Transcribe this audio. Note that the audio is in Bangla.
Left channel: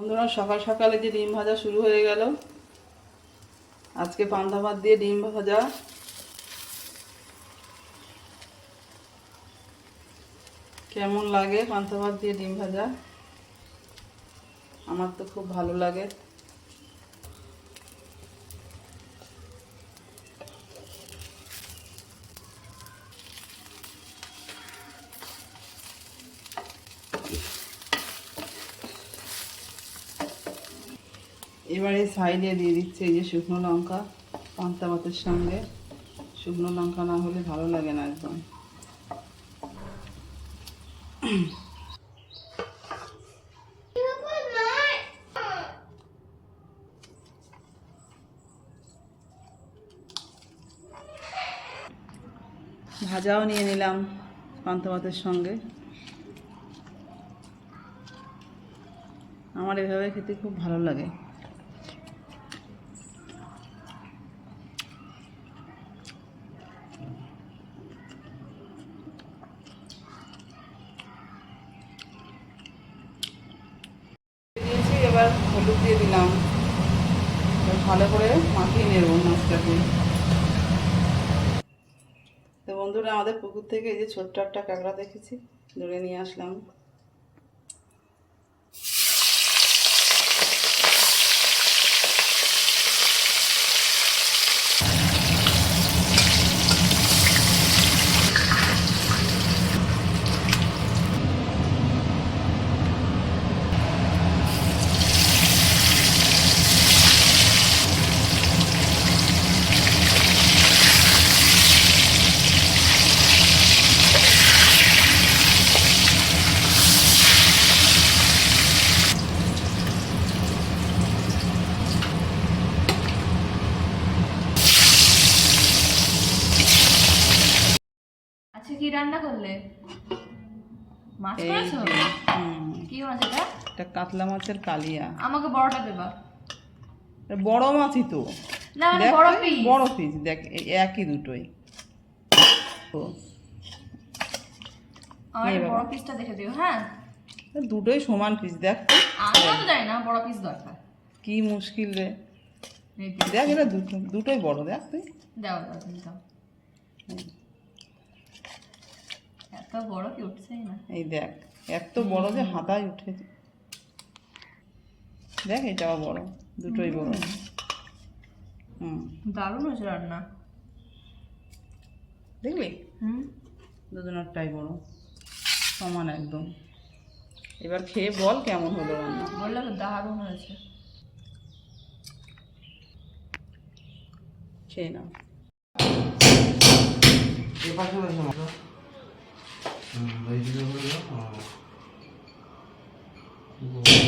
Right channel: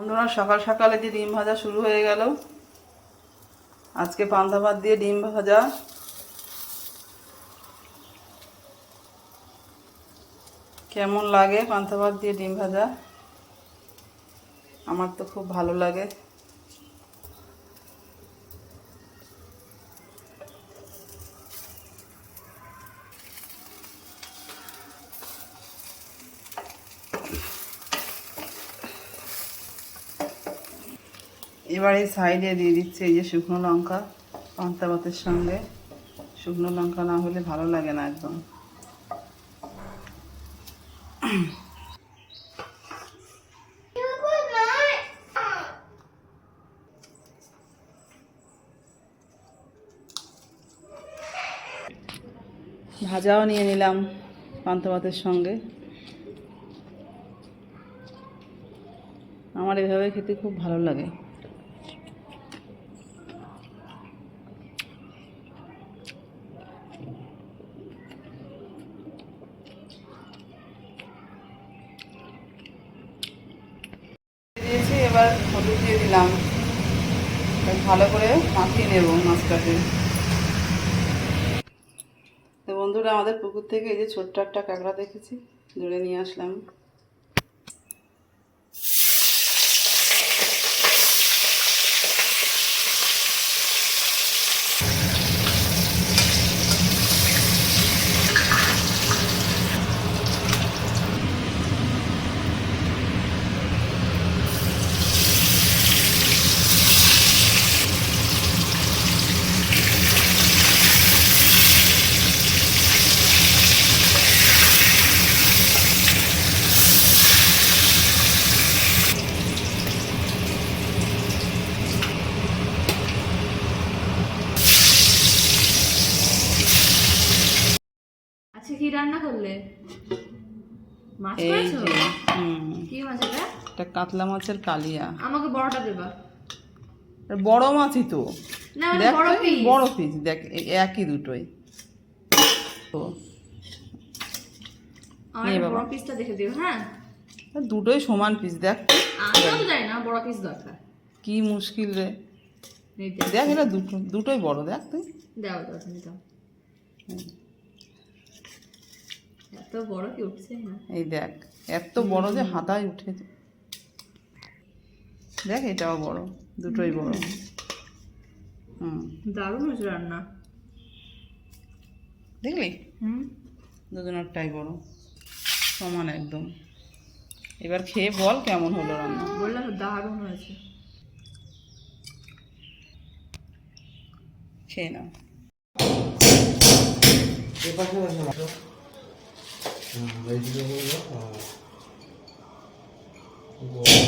বন্ধুরা, সকাল সকালে যে ডিম ভাজা শুরু হয়ে গেল। আজকে পান্তা ভাত দিয়ে ডিম ভাজা। কেমন লাগে পান্তা ভাত দিয়ে ডিম ভাজা? আমার তো খুব ভালো লাগে। এবার এই সাইডে দিয়ে দিচ্ছে এই যে শুকনো লঙ্কা। পান্তা ভাতের সঙ্গে শুকনো লঙ্কা না হলে ভালো লাগে না একদম। ভাজাও নিয়ে নিলাম পান্তা ভাতের সঙ্গে। আমার এভাবে খেতে খুব ভালো লাগে। দিয়েছি, এবার হলুদ দিয়ে দিলাম। ভালো করে মাখিয়ে নেব মাছটাকে। তো বন্ধুরা, আমাদের পুকুর থেকে এই যে ছোট্ট একটা কাঁকড়া দেখেছি, ধরে নিয়ে আসলাম। আচ্ছা, কি রান্না করলে? মাছ এই করেছো? যে কি মাছ এটা? এটা কাতলা মাছের কালিয়া। আমাকে বড়টা দেবা। বড় মাছই তো। না, মানে দেখ বড় তুই, পিস। বড় পিস দেখ, একই দুটোই তো। আমার এই একটা বাবা, বড় পিসটা দেখে দিও, হ্যাঁ? দুটোই সমান পিস দেখ। আমিও তো জানি না বড় পিস দরকার। কি মুশকিল রে। এই যে, দেখ এটা দুটোই বড়, দেখ তুই। দাও দাও, তুমি দাও। এত বড় কি উঠছেই না। এই দেখ, এত বড় যে হাতায় উঠেছে। দেখ এটাও বড়, দুটোই বড়। দারুণ হয়েছে রান্না। দেখলি, হুম, দুজনেরটাই বড়, সমান একদম। এবার খেয়ে বল কেমন হলো রান্না। বললাম তো দারুণ হয়েছে। খেয়ে নাও। Vamos.